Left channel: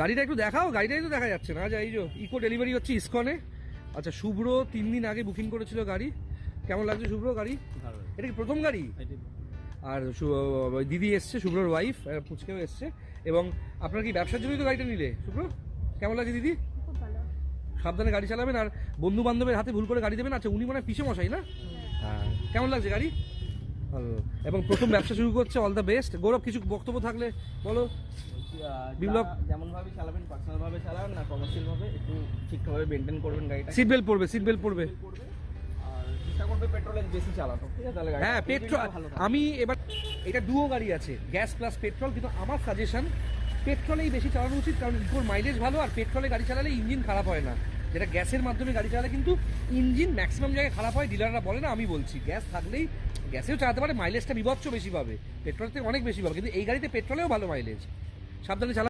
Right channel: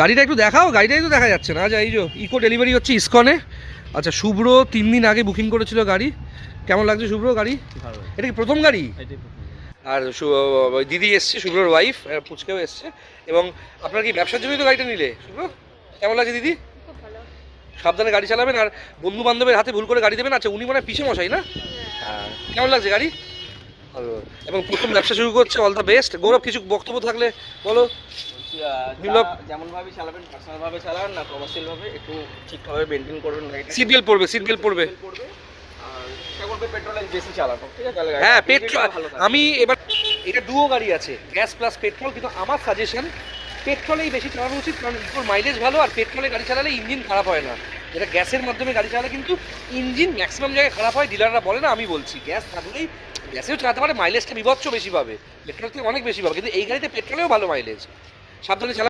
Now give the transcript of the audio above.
গাড়িটা একটু দেখাও, গাড়িটাই তো দেখা যাচ্ছে না। আচ্ছা এই যে ইকো ডেলিভারি হচ্ছে ইসকনে। আচ্ছা শুভ্র 3 দিন আগে বুকিং করেছিল গাড়ি। কেমন লাগছে শুভ্র গাড়ি? ভালো। এটা কি প্রথম গাড়ি? এটাই প্রথম। আর ওই দিদি এসছে, শুভ্রর ওয়াইফ, পুচকেও এসছে। এবং আপনার কি ব্যবসার জন্যই তো গাড়িটা নিলে শুভ্র? কেমন লাগছে দিদি? খুব ভালো। সাবধানে গাড়ি চালাবেন আর বন্ধু বান্ধবের হাতে ভুল করে গাড়ি দেবেন। আচ্ছা উনি মানে পিছে মশাই না? হ্যাঁ। কেমন লাগছে গাড়ি? ভালো। এবং প্রথম ব্যবসা শুরু করছে, অল দ্য বেস্ট। গৌরব কিছু বক্তব্য থাকলে বলো। বলছি বিপ্লব? যেমন ভাবে চালাবেন, পার্সোনাল ভাবে চালান না কমার্শিয়াল ভাবে, একটু ঠিকঠাকভাবে মেনটেন করবেন গাড়িটা। সিট বেল্ট পড়বে, সিট বেল্ট পড়বে। আর চেষ্টা করবে পেট্রোল বেশি চালানো, ঠিক আছে? তাহলে হ্যাঁ গাড়িটা পেট্রোল। ভালো থাকবে। আমি এবার এটা ডুও গাড়ি আছে, গ্যাস প্লাস পেট্রোল, কিন্তু আমার সাজেশন পেট্রোলেই বেশি চালানো উচিত, কারণ ইকোর মাইলেজ ভালো আর পেট্রোলে গাড়ি চালালে ইঞ্জিন খারাপ হয় না। যেটা গ্যাসের মাধ্যমে গাড়ি চালালে কিন্তু ইঞ্জিন ম্যাক্সিমাম জায়গায় খারাপ হয়, ডিলাররা বলে না, আমি বলছি গ্যাস থাকলেই গ্যাসেও চালাতে পারে, মাইলেজটা বিভৎস বেশি পাবে, পেট্রোল থেকে অনেক বেশি পাবে, কিন্তু এই গাড়িতে পেট্রোলেও ভালো মাইলেজ। সাবধানে চালা।